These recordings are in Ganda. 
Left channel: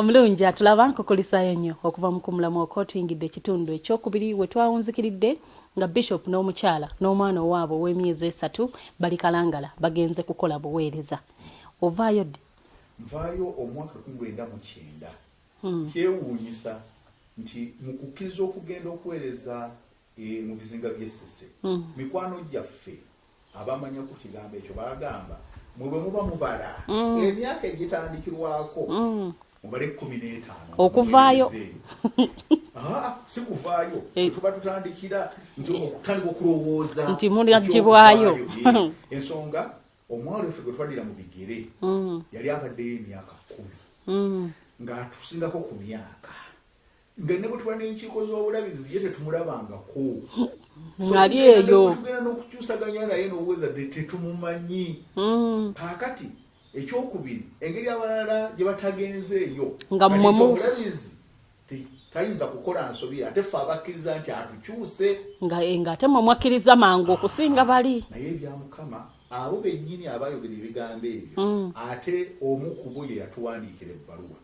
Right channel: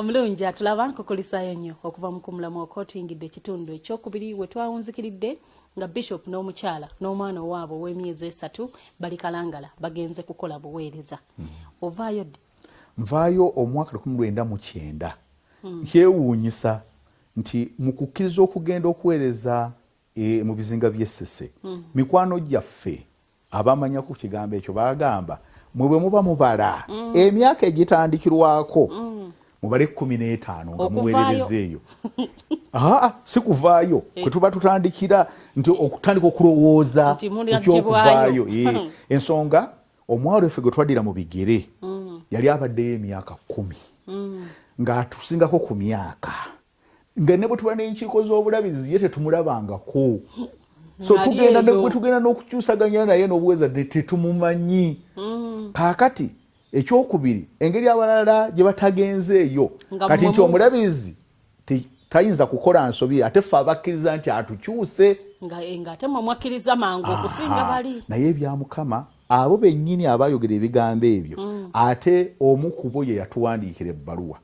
Omulungi atulaba nkukulisayo nnyo okuva mu kumulamu okotuyingidde ekitundu ekyokubiri we twawunzikiridde nga Bishop n'omukyala n'omwana owaabwe ow'emyezi 3 bali Kalangala bagenze kukola buweereza. Ovaayo ddi? Nvaayo omwaka 1999. Kyewuunyisa nti mu kukkiriza okugenda okuweereza mu bizinga by'Essese mikwano gyaffe abamanya ku kigambo ekyo bagamba mwe bwe muba mubala emyaka egitandikirwako mubale 15 okuvaayo si kuvaayo kwe tuba tutandikira nti okutandika okulowooza nti mulagibwayo ensonga omwalo effe gwe twaddira mu bigere yali abaddeyo emyaka 10 ng'atusingako ku myaka nga ne bwe tuba n'enkiiko z'obulabizi ye tetumulabangako so tugenda n'okukyusaganya naye n'obuweza tetumumanyi kaakati ekyokubiri engeri abalala gye batagenzeeyo kati nti omulabizi tayinza kukola nsobi ate ffe abakkiriza nti atukyuse ng'ate mwakkiriza mangu okusinga bali naye ebya Mukama abo bennyini abayogera ebigambo ebyo ate omu ku bo ye yatuwandiikira ebbaluwa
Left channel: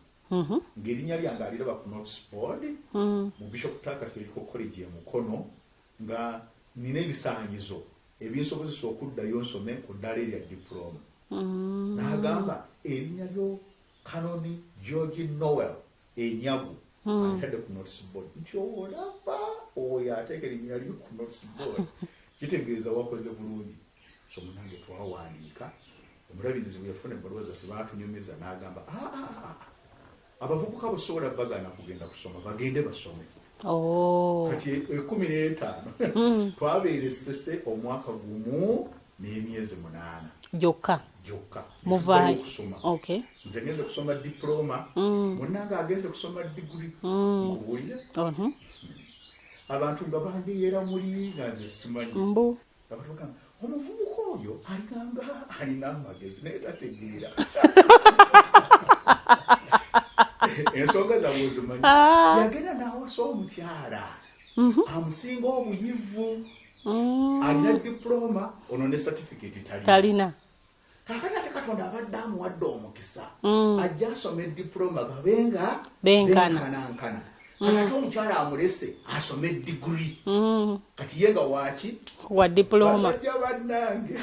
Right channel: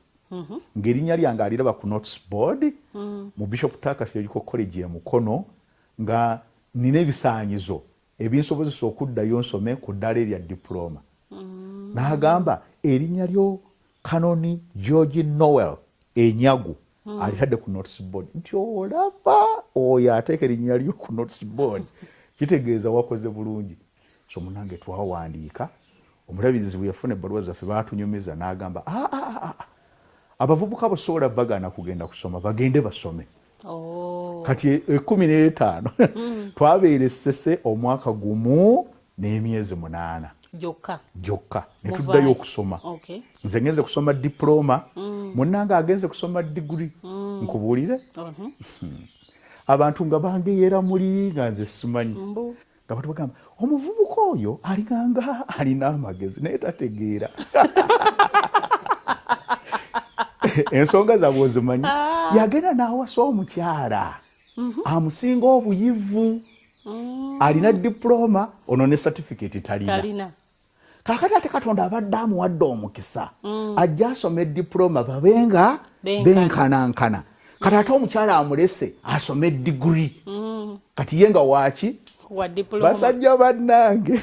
ng'erinnya lyange aliraba ku notice board mu Bishop Theological College e Mukono nga nina ebisaanyizo ebinsobozesa okuddayo nsome ku ddala erya diploma. N'agamba erinnya lyo Kanoni George Noel Enyagu alitadde ku notice board nti olaba oyo ateeka erinnya lyo ku notice board kitegeeza wakoze bulungi. So munange twawandiika omulabizi bwe yafuna ebbaluwa zaffe baatunyumiza n'agamba abavubuka basobola bagana kugenda kusoma bagende basome. Kati 15 twabeera Essese omwaka gumu n'emyezi 8 gyokka ne tuddayo okusoma. Nze ngenze kusoma diploma munnange agenze kusoma degree nkubuulire abantu nga bangeera muli nga nze simanyi nga batugamba omuvubuka oyo aliganga alina amagezi naye tategeera ensonga zaabwe ozimanyi yagenda n'awasa omukyala amusinga obuyivu alina diploma ono ne certificate talina. Kaakati ate Katonda abadde amuwadde omukisa ajja asome diploma babenga benkanankana kati ate omukyala amulese asome degree kati ye nga waki wa diploma basajja bannange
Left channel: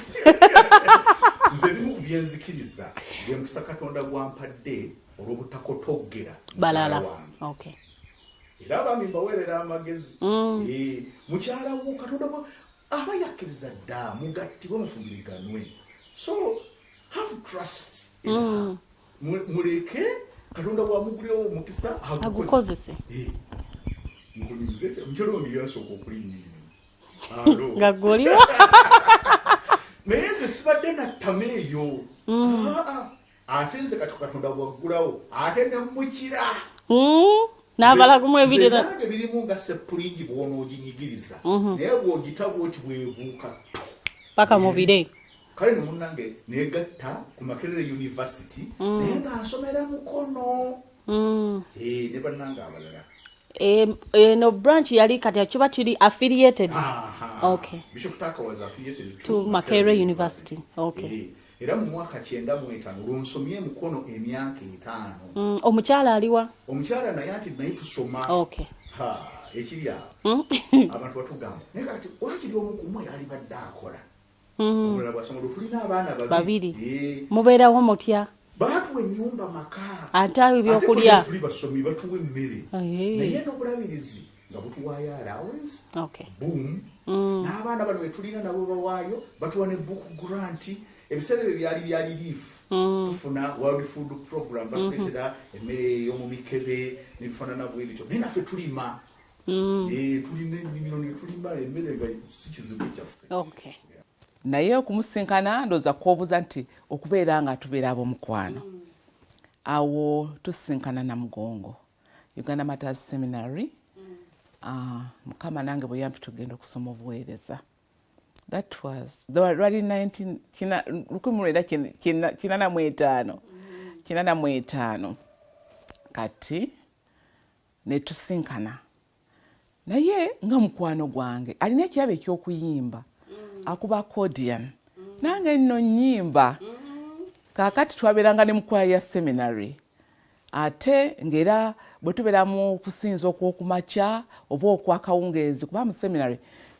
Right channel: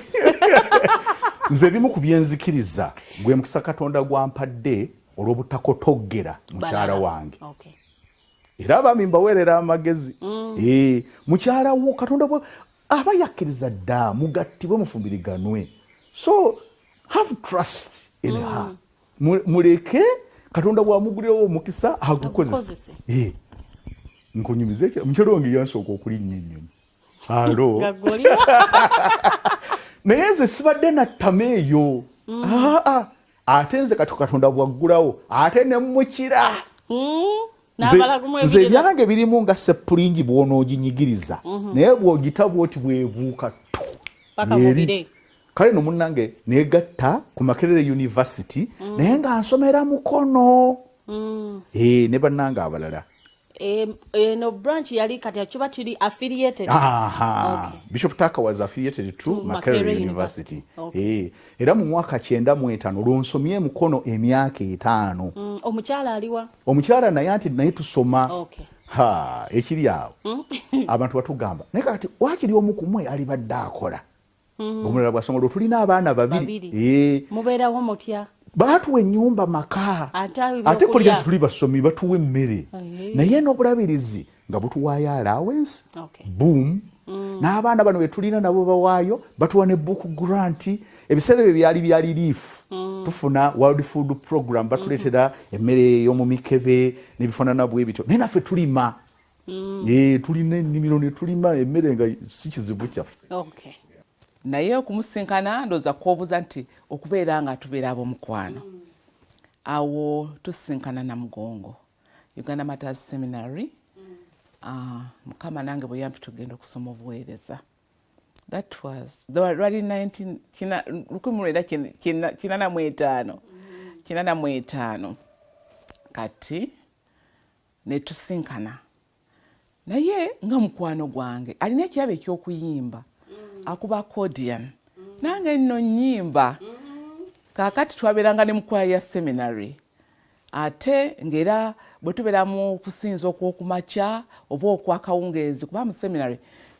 nze bimu ku byenzikiriza gwe mukisa Katonda gwampadde olw'obutakotoggera mukyala wange era abami mbaweerera amagezi mukyala wo Katonda aba yakkiriza dda mugattibwe mufumbiriganwe so have trust in her muleke Katonda bw'amugulirewo omukisa agukozese nkunyumize mukyala wange yansooka okulinnya ennyonyi gagoliwa naye nze sibadde nattama eyo ate nze Katonda bwaggulawo ate ne mukira n'abalagumu ebirira nange birimu nga seppulingi bw'onooginyigiriza naye bw'ogitaba oti bwebuuka paka mubire kale no munnange negatta ku Makerere University naye nga nsomera Mukono ne bannange abalala no branch yali kati kiba kiri affiliated. Bishop Taka was affiliated to Makerere University. Era mu mwaka 95 olwonsomye Mukono emyaka 5 omukyala aliwa omukyala naye anti naye tusoma ekiri awo abantu batugamba naye kati wakiri omu kumwe ali badde akola omulala bwasoma tulina abaana babiri mubeerawo mutya baatuwa ennyumba maka ate tuli basomi batuwa emmere naye n'obulabirizi nga butuwaayo allowance boom n'abaana bano betulina nabo bawaayo batuwa ne book grant ebiseera ebyo byali bya relief tufuna World Food Program batuleetera emmere y'omu mikebe n'ebifaanana bwe bityo naye naffe tulima tulina ennimiro ne tulima emmere nga si kizibu kyaffe. Naye okumusinkana ndooza kwobuuza nti okubeera nga tubeera ab'omukwano awo tusinkana na Mugongo Uganda Matters Seminary Mukama nange bwe yampi tugenda okusoma obuweereza. That was already 1985 kati ne tusinkana naye nga mukwano gwange alina ekirabo eky'okuyimba akuba accordion nange nno nyimba kaakati twabeeranga ne mukwaya ya seminary ate ngera bwe tubeera mu kusinza okwokumakya oba okwakawungeezi kuba mu seminary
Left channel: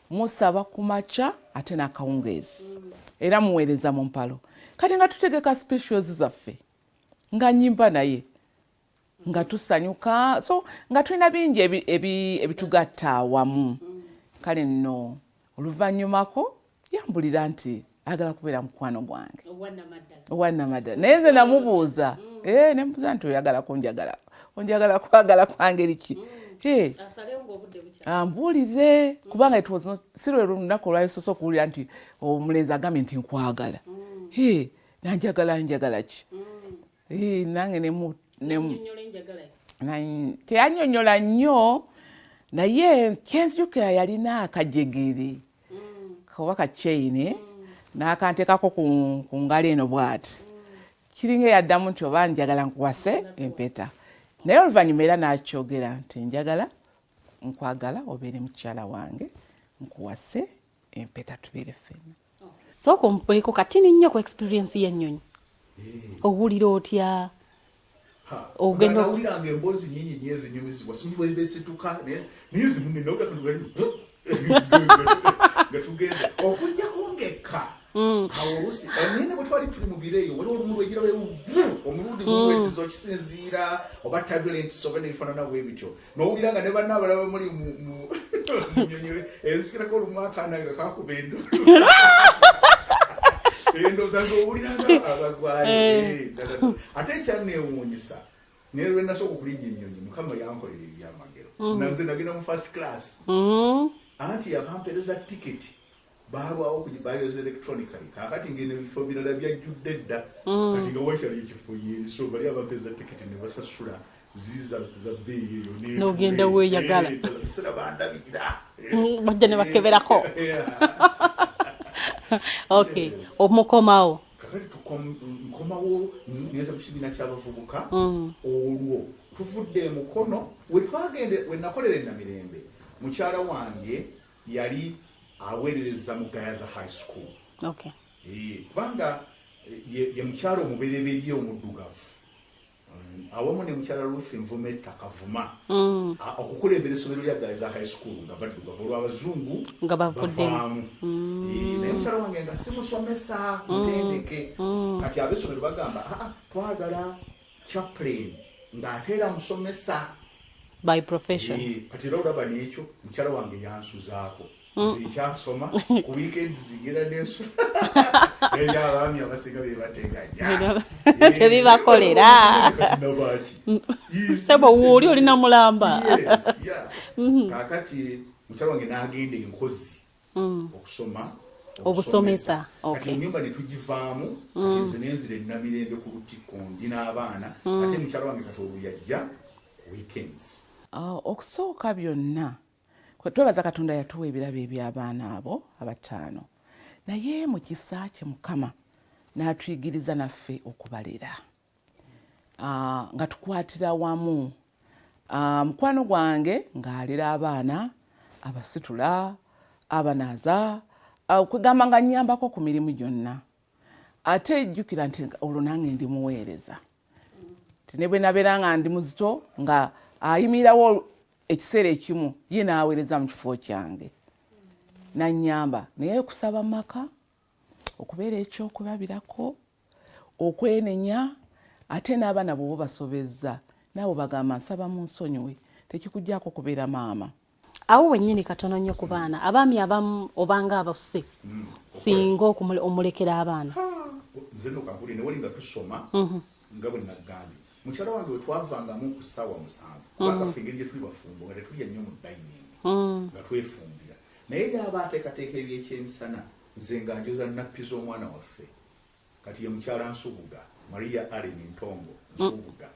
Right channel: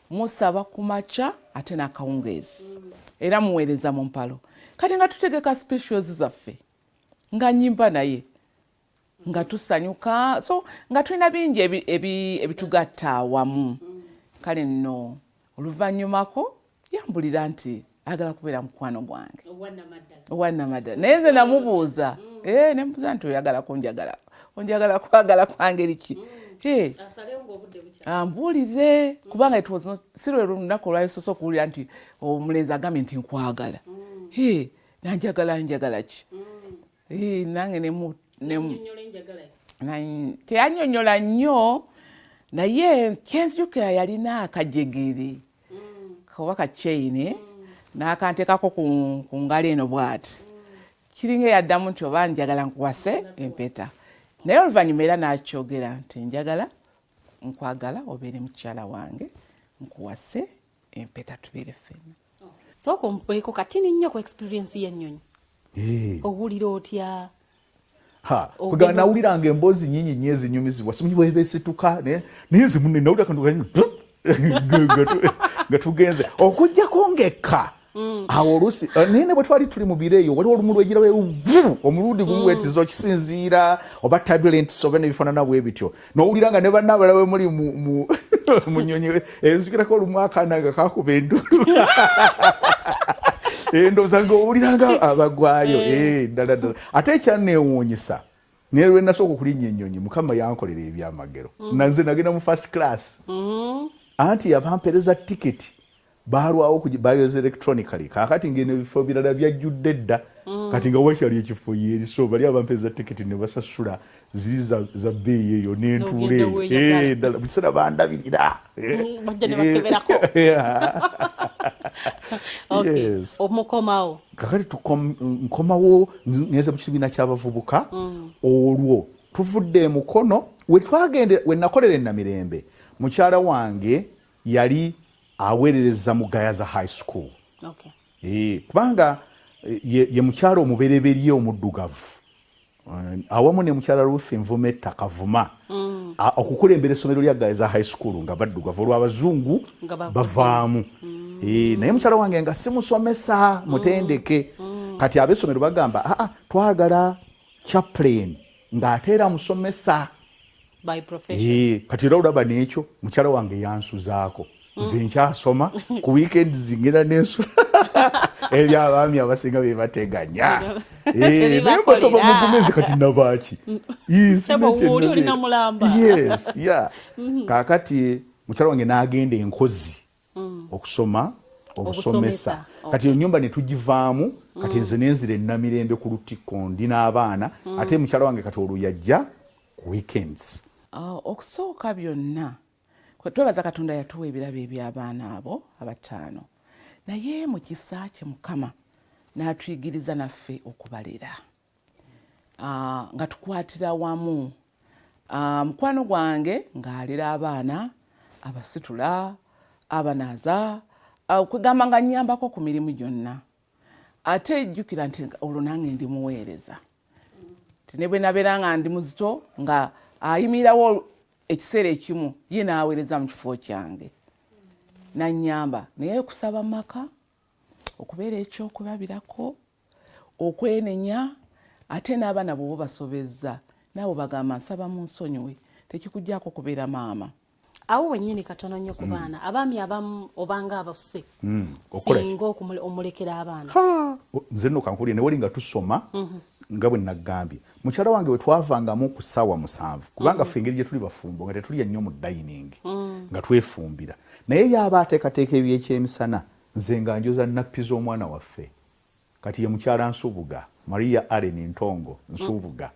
musaba kumakya ate n'akawungeezi era muweereza mu mpalo kati nga tutegeka specials zaffe nga nyimba naye nga tusanyuka so nga tulina bingi ebitugatta awamu kale nno oluvannyumako yambulira nti agala kubeera mukwano gwange owannamaddala naye nze namubuuza nemubuuza nti oyagala kunjagala onjagala kwagala kwangeri ki ambuulize kubanga si lwe lunaku olwayisosa okuwulira nti omulenzi agambye nti nkwagala nanjagala ki nange teyanyonyola nnyo naye kyenzijukira yalina akajegere oba kakyeyine n'akanteekako ku ngalo eno bw'ati kiringa yaddamu nti oba njagala nkuwase empeta naye oluvannyuma era n'akyogera nti njagala nkwagala obeere mukyala wange nkuwase empeta tubeere ffenna sooka ompeeko katini nnyo ku experience y'ennyonyi owulira otya kugenda nawuliranga emboozi nyingi nnyo ezinyumizibwa simanyi bwebesituka naye zimunne nawulira nga tugenze okujjako ngekka awo oluusi naye ne bwe twali tuli mu biro eyo waliwo olumu lwegirawo omulundi gumuwetiza okisinziira oba turbulence oba nebifaanana bwe bityo nowulira nga ne bannaabalawe muli mu nyonyi enzukirako olumu akaana nga kakuba endulu ndowooza ngaowuliranga abagwayo ddala ate ekyanneewuunyisa naye lwe nasooka okulinnya ennyonyi mukama yankolera ebyamagero nanze nagenda mu first class anti yabampereza tiketi balwawo bayoza electronically kakati ngene ebifo birala byajjudde dda kati nga wakyali ekifo yeri so bali abampereza tiketi ne basasula ziri za bbeeyi eyo nentuleddala biseera bandabirira bajja ne bakeberako omukomawo kakati nkomawo neza mu kibiina ky'abavubuka olwo tuvudde emukono we nakolera enamirembe mukyala wange yali aweerereza mu Gayaza high school kubanga ye mukyala omubereberye omuddugavu awamu ne mukyala Ruth Nvumetta Kavuma okukulembera essomero lya Gayaza high school nga baddugavu olw'abazungu bavaamu naye mukyala wange nga simusomesa mutendeke kati ab'essomero bagamba twagala chaplain ng'ateera musomesa by profession kati era olaba n'ekyo mukyala wange yansuzaako nze nkyasoma ku weekend zingera n'ensula ebyabaami abasinga bebateganya tebibakolera kati nabaki sebo wuli olina mulamba kakati mukyala wange n'agenda enkozi okusoma obusomesa kati ennyumba ne tugivaamu kati nze nenzira enamirembe ku Lutikko ndi n'abaana ate mukyala wange kati olwo yajja ku weekends okusooka byonna twebaza Katonda yatuwa ebirabo eby'abaana abo abataano naye mu kisa kye Mukama n'atuyigiriza naffe okubalera nga tukwatira wamu mukwano gwange ng'alera abaana abasitula abanaaza kwegamba nga nnyambako ku mirimu gyonna ate ejjukira nti olwo nange ndi muweereza ne bwe nabeera nga ndi muzito nga ayimirawo ekiseera ekimu ye n'aweereza mu kifo kyange nannyamba naye kusaba maka okubeera ekyokulabirako okwenenya ate n'abaana bwe basobezza nabo bagamba nsaba mu nsonyiwe tekikujjako kubeera maama awo wennyini katono nnyo ku baana abaami abamu obanga abase singa omulekera abaana nze nno kankulire ne wali nga tusoma nga bwe nagambye mukyala wange we twavangamu ku ssaawa 7 kubanga ffe engeri gye tuli bafumbo nga tetulya nnyo mu dining nga twefumbira naye yaba ateekateeka ebyekyemisana nze nga njoza nappi z'omwana waffe kati ye mukyala Nsubuga Maria Allen Ntongo Nsubuga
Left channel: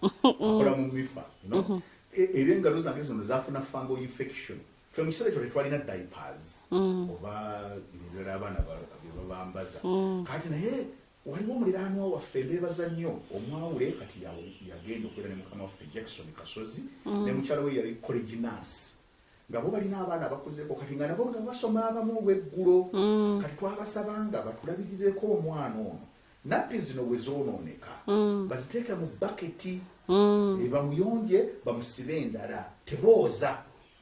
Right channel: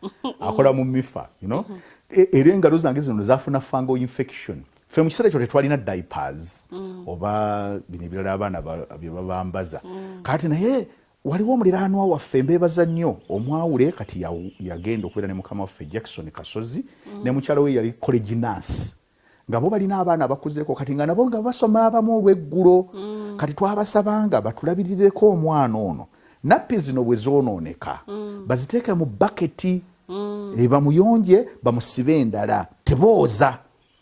akola mu mifa era engalo zange zino zafuna fungal infection ffe mu kiseera ekyo tetwalina diapers oba bino ebirala abaana bye babambaza kati naye waliwo omuliraanwa waffe mbeebaza nnyo omwawule kati yagenda okubeera ne mukama waffe Jackson Kasozi ne mukyala we yali college nurse nga bo balina abaana abakuzeeko kati nga nabo nga basoma abamu olw'eggulo kati twabasabanga batulabirireko omwana ono nappi zino bwe zoonooneka baziteeke mu baketi bamuyonje bamusibe endala tebooza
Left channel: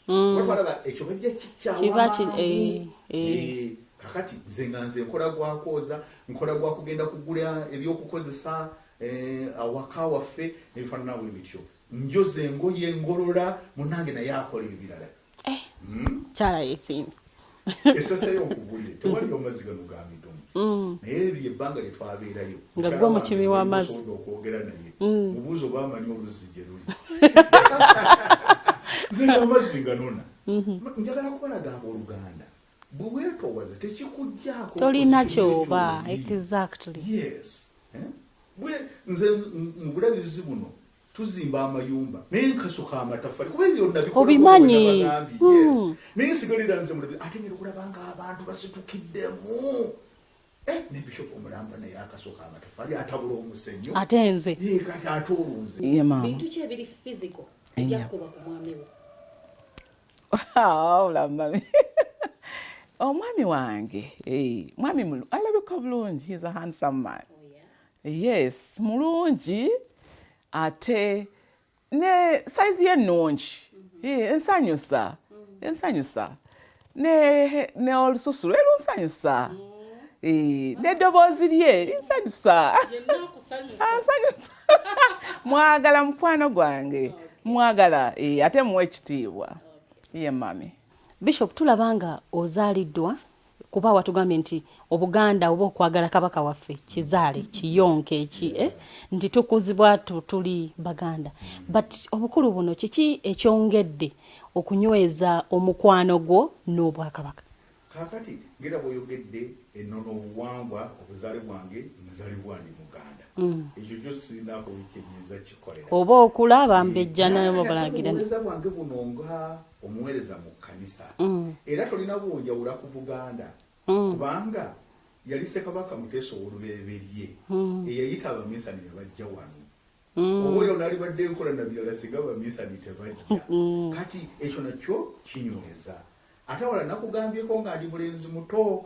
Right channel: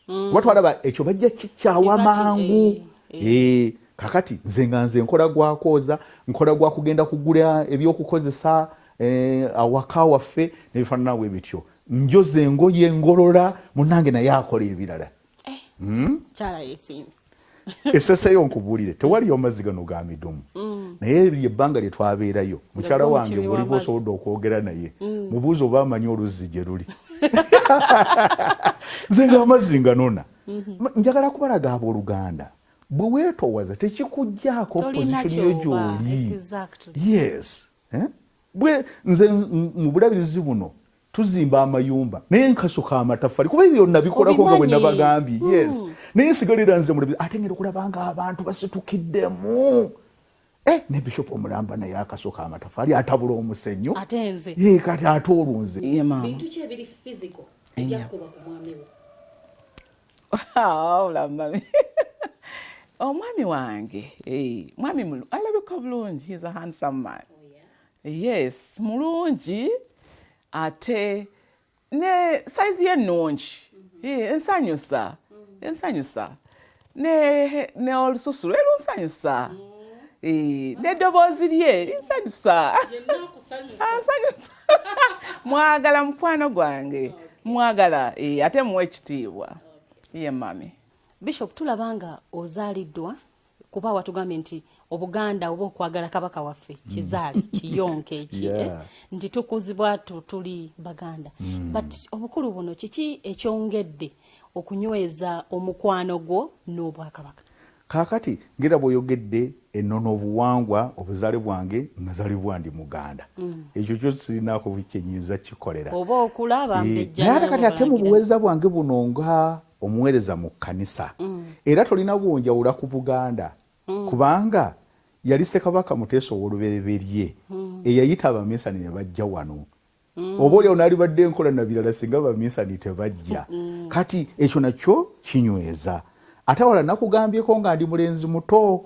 watwalaba ekyo bajja kikyawa mangu kakati nze nkola gwakooza nkola gwa kugenda kugula ebyokukozesa awaka waffe nebifaanana bwe bityo njoze engoye ngolola munange naye akola ebirala kyala yesimbi eseseyo nkubuulire tewaliyo amazzi gano ga midumu naye ebbanga lye twabeerayo mukyala wange osobola okwogera naye mubuuza oba amanyi oluzzi gye luli nze ng'amazzi nganona njagala kubalaga abooluganda bwe weetoowaza tekikuggyako tolina kyoba yes bwe nze mu bulabirizi buno tuzimba amayumba naye nkasuka amatafali kuba ebyo nabikolako bwe nabagambye yes naye nsigalira nze mulabirizi ate ngera okulabanga abantu basitukiddemu ne Bishop Omulamba naye akasuka amatafali atabula omusenyu ate nze kati ate olunze bintu ki ebiri physical ebyakuba ku mwami wo Mami. Omwami wange mwami alabika bulungi, he's a handsome man. Yes, mulungi ate ne size ye nnungi ensanyusa ne olususu lwe lunsanyusa n'eddoboozi lye linsanyusa mwagala mukwano gwange mwagala ate muwe ekitiibwa ye mami. Bishop tulabanga ozaaliddwa kuba watugambye nti Obuganda oba okwagala kabaka waffe kizaale kiyonke eki nti tukuzibwa tuli Baganda but obukulu buno kiki ekyongedde okunyweza omukwano gwo n'Obwakabaka? Kakati ngira bw'oyogedde ennono obuwangwa obuzaale bwange mazaalibwa ndi Muganda ekyo kyo sirinaako bikyenyiza kikolera oba okulaba mbejja nayo balagira obuweereza bwange buno nga omuweereza mu kkanisa era tolina bwonjawula ku Buganda kubanga yali Ssekabaka Muteesa ow'olubereberye eyayita abaminsani ne bajja wano oba oyo naalibadde enkola na birala singa abaminsani tebajja kati ekyo nakyo kinyweza ate wala nakugambyeko nga ndi mulenzi muto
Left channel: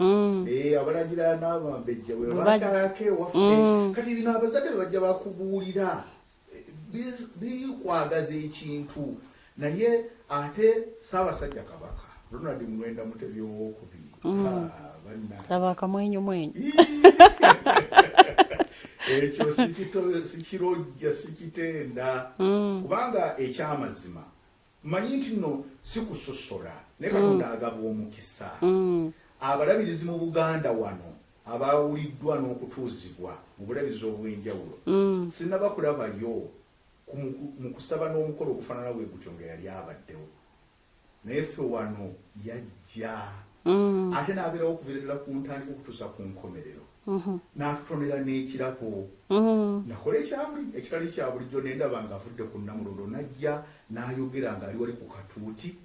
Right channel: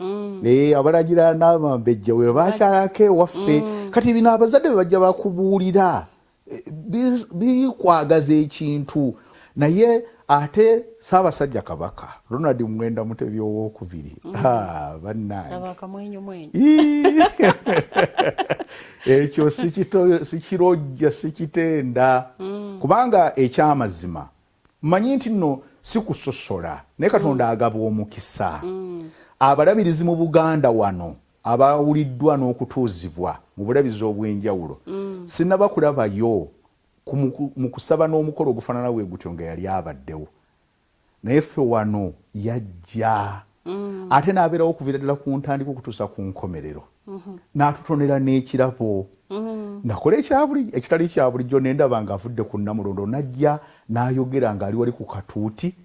abalagira n'abambejja we bakyalako ewaffe kati bino abazadde be bajja bakubuulira bikwagaza ekintu naye ate Ssaabasajja Kabaka Ronald Mwenda Mutebi owookubiri Kabaka mwenyu ekyo sikirojja sikitenda kubanga ekyamazima mmanyi nti nno sikusosola naye Katonda agaba omukisa abalabirizi mu Buganda wano abawuliddwa n'okutuuzibwa mu bulabirizi obw'enjawulo sinnabakulabayo mu kusaba n'omukolo ogufaanana bwe gutyo nga yali abaddewo naye ffe wano yajja ate n'abeerawo okuviira ddala ku ntandika okutuusa ku nkomerero n'atutonera n'ekirabo nakola ekitali kya bulijjo nendaba ng'avudde ku Namulondo najja n'ayogera ng'ali wali ku katuuti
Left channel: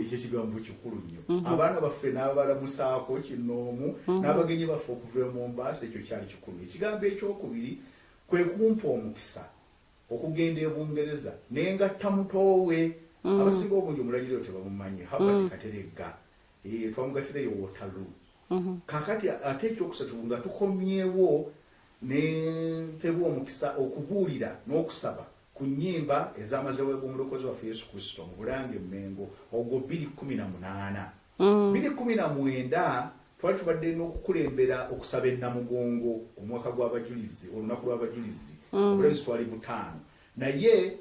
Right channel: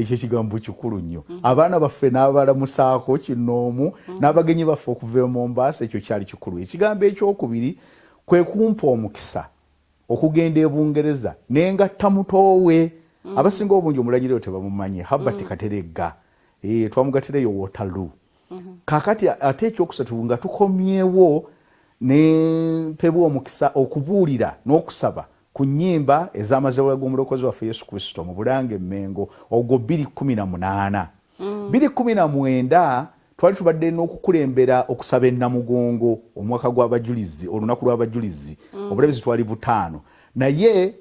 ekyo ekigambo kikulu nnyo abaana baffe n'abalamusaako kinoomu n'abagenyi baffe okuva e Mombasa ekyo kyali kikulu ekigambo ekyokubiri kwe kumpa omukisa okugenda e Bungereza nengatta mutoowe abasinga obungi omulagiriro tebamumanyi Habert Kateregga twamugatirayo Waterloo kakati ate ekyokusatu nga tukomyewo ne mpebwa omukisa okubuulira n'okusaba ku nnyimba ez'amazaalibwa g'omulokozi waffe Yesu Kristo mu Bulange Mmengo ogwo 2018 2019 twali tubadde n'okukulembera okusaba ennamugongo omwaka gw'abajulizi olunaku lw'abajulizi obulabirizi twali 5 naye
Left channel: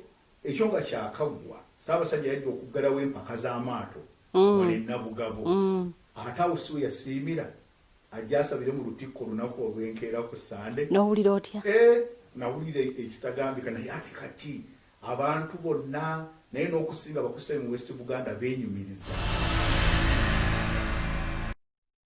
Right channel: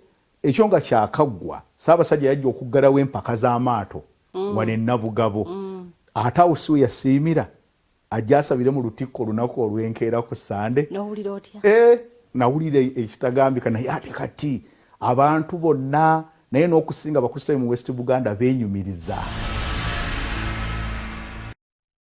ekyo nga kyakaggwa Ssaabasajja yajja okuggalawo empaka z'amaato wane Nabugabo ate awo si we yasiimira ajja asabire mu lutikko olunaku olw'enkeera ku Sande. N'owulira otya? Nawulira ekitagambika naye ate kati abantu bonna naye n'okusinga abakristaayo mu West Buganda beenyumiriza